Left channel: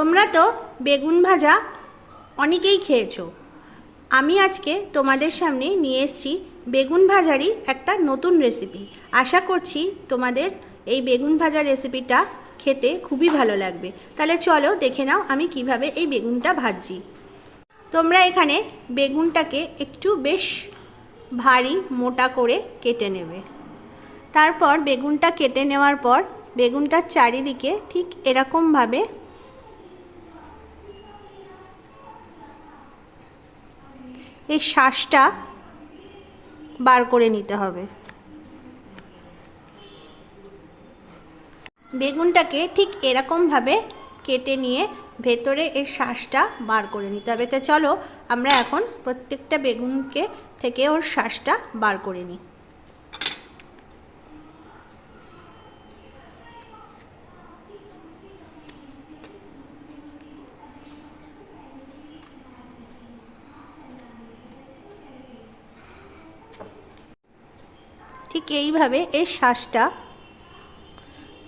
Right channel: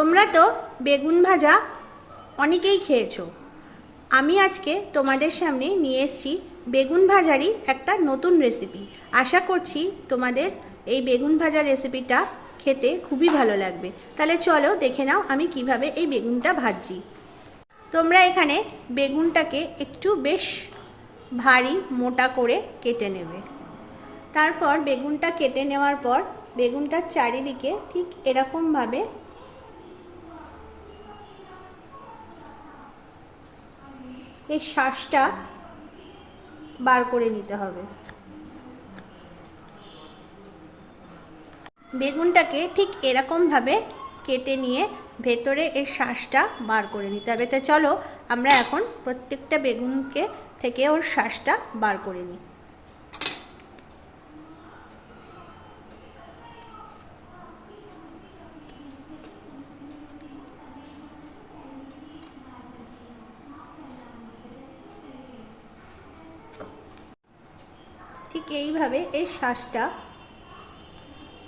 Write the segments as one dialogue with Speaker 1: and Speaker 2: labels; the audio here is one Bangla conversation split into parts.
Speaker 1: তোমরা তো বেগুন ভাজা অনেকেই খেয়েছো। আমি আজকে তোমাদের সামনে নিয়ে এসেছি বেগুন ভাজারই একটা নতুন রেসিপি আশা করছি তোমাদের এই বেগুন ভাজা রেসিপিটা খেতে খুবই ভালো লাগবে। তাহলে চলো দেখে নাও আমি কীভাবে এই বেগুনটা ভাজছি। তোমরা এখানে বেগুনটাকে একটু বেশ ভারী মোটা করে কেটে নেবে। তারপর বেগুনটা কেটে নেওয়ার পর বেগুনটার চারিদিকে ঠিক এরকমভাবে এই শ্বাসটা বার করে নিতে হবে। বেগুনটাকে ঠিক এরকমভাবে কেটে নিয়ে ভেতরে এর শ্বাসটা বার করে নিতে হবে। তো চলো আমরা এখন প্রত্যেকটা বেগুনকে থেকে ওর শ্বাসটা বার করে নিই। ঠিক এইভাবে এর শ্বাসটা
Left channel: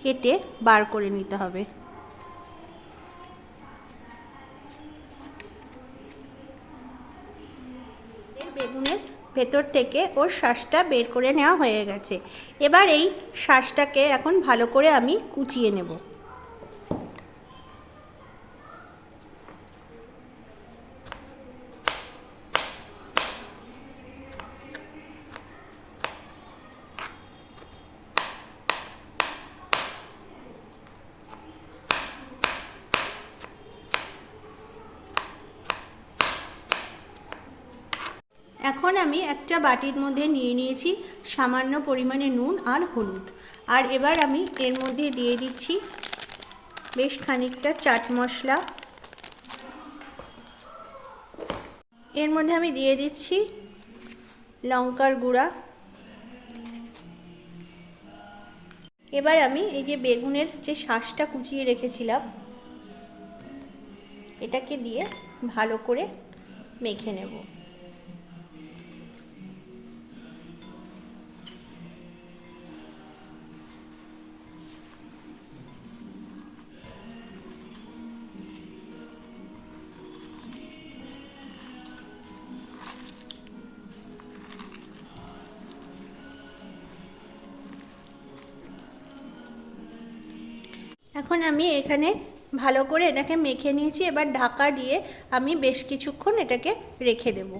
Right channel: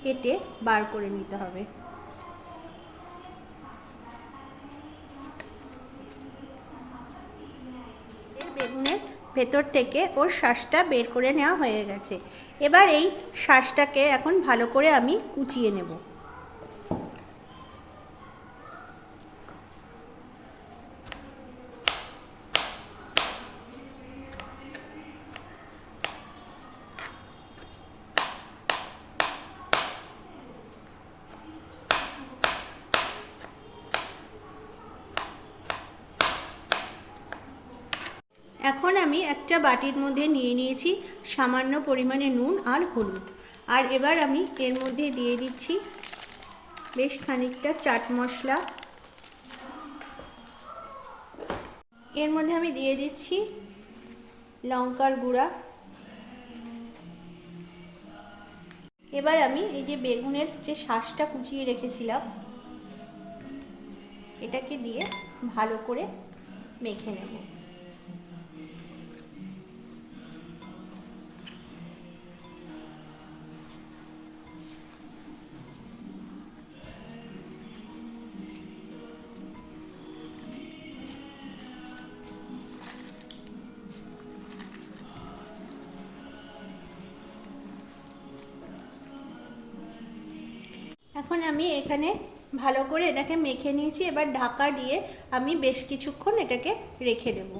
Speaker 1: কেটে বার করে নিতে হবে। বেগুনের ভেতর থেকে ওর শ্বাসটা বের করে নেওয়া হয়ে গেছে। এবার এই শ্বাসটাকে এখন ভালো করে আমি কুচিয়ে নেব। এখন আমি একটা বাটির মধ্যে নিয়ে নিয়েছি সামান্য পরিমাণে নুন আর হলুদ। আর এবার আমি এর মধ্যে দিয়ে দিচ্ছি বেশ খানিকটা চাট মশলা। এর মধ্যে আমি দিয়ে দিচ্ছি লঙ্কার গুঁড়া। এবার আমি এই যে বেগুনের যে শ্বাসটা কুচিয়ে রেখেছিলাম, এটাকে দিয়ে ভালো করে মেখে নেব। এখন আমি এখানে ভালো করে এটাকে মেখে নিয়েছি, এবার ঢাকা দিয়ে আমি বেশ কিছুক্ষণ এটাকে রেখে দেব।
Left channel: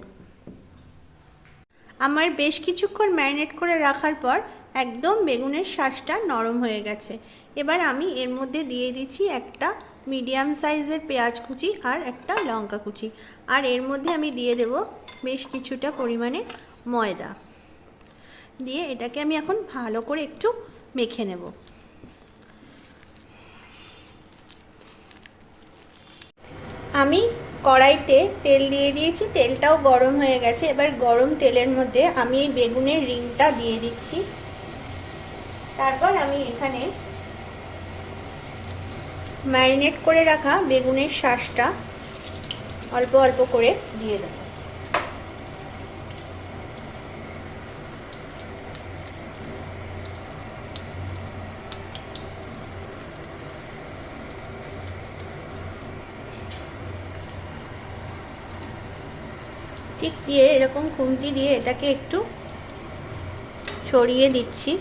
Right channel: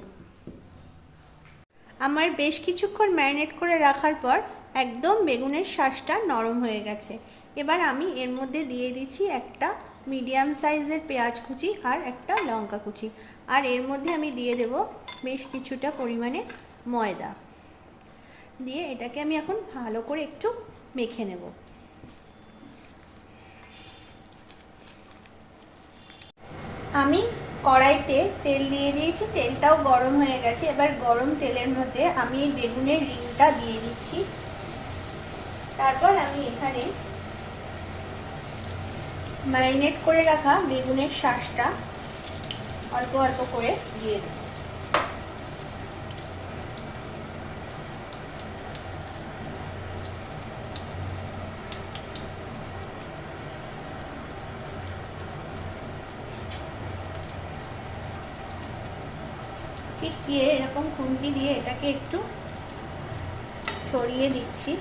Speaker 1: আমার বেশ কিছুক্ষণ ম্যারিনেট করে রাখার পর একদম বেগুনের শ্বাসটা নরম হয়ে গেছে। এবার আমি এর মধ্যে দিয়ে দিচ্ছি একটা মিডিয়াম সাইজের পেঁয়াজ কুচি আর একটা লঙ্কা কুচি। আর এর মধ্যে আমি দিয়ে দেব বেশ কিছুটা পরিমাণে ময়দা। দিয়ে এটাকে আমি এখন ভালো করে একটু মেখে নেব। আমি কড়াইতে তেল দিয়ে দিয়েছি, তেলটাও গরম হয়ে গেছে। এবার গরম তেলের মধ্যে আমি এই বেগুনের রিংটা দিয়ে দিচ্ছি। তারপর আমি এখানে ম্যারিনেট করে রাখা বেগুনের শাঁসটা অল্প অল্প করে দিয়ে দেবো। ঠিক দিয়ে এরকম খুন্তি দিয়ে এটাকে একটু ছড়িয়ে দিচ্ছি।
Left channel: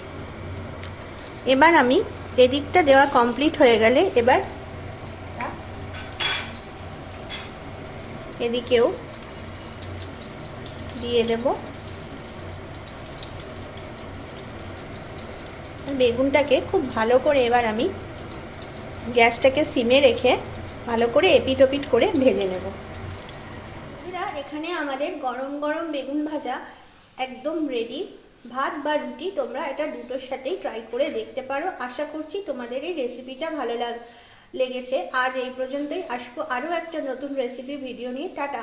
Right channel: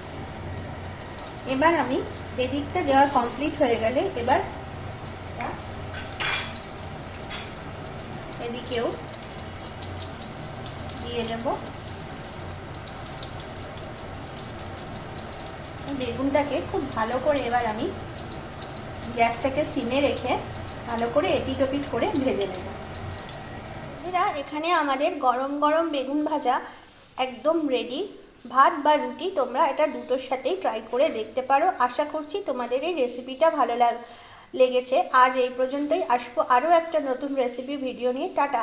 Speaker 1: এবার আমি এদিকটা দেওয়া কমপ্লিট হয়ে গেলে এবার এদিকেও দিয়ে দেব। বেগুনটাকে খুব ভালো করে এবার আমি গ্যাসটাকে সিমে রেখে ভালো করে এপিট ওপিট করে ভেজে নেব। বন্ধুরা, এখানে আমাদের গরম গরম বেগুন ভাজা একদম রেডি ভাত বা রুটি তোমরা এটা দুটোর সাথেই ট্রাই করে দেখতে পারো। আশা করছি তোমাদের এই রেসিপিটা ভালো লাগ লেগেছে। আজ এই পর্যন্তই। আসব আরও একটা নতুন রেসিপি ভিডিও নিয়ে। টাটা।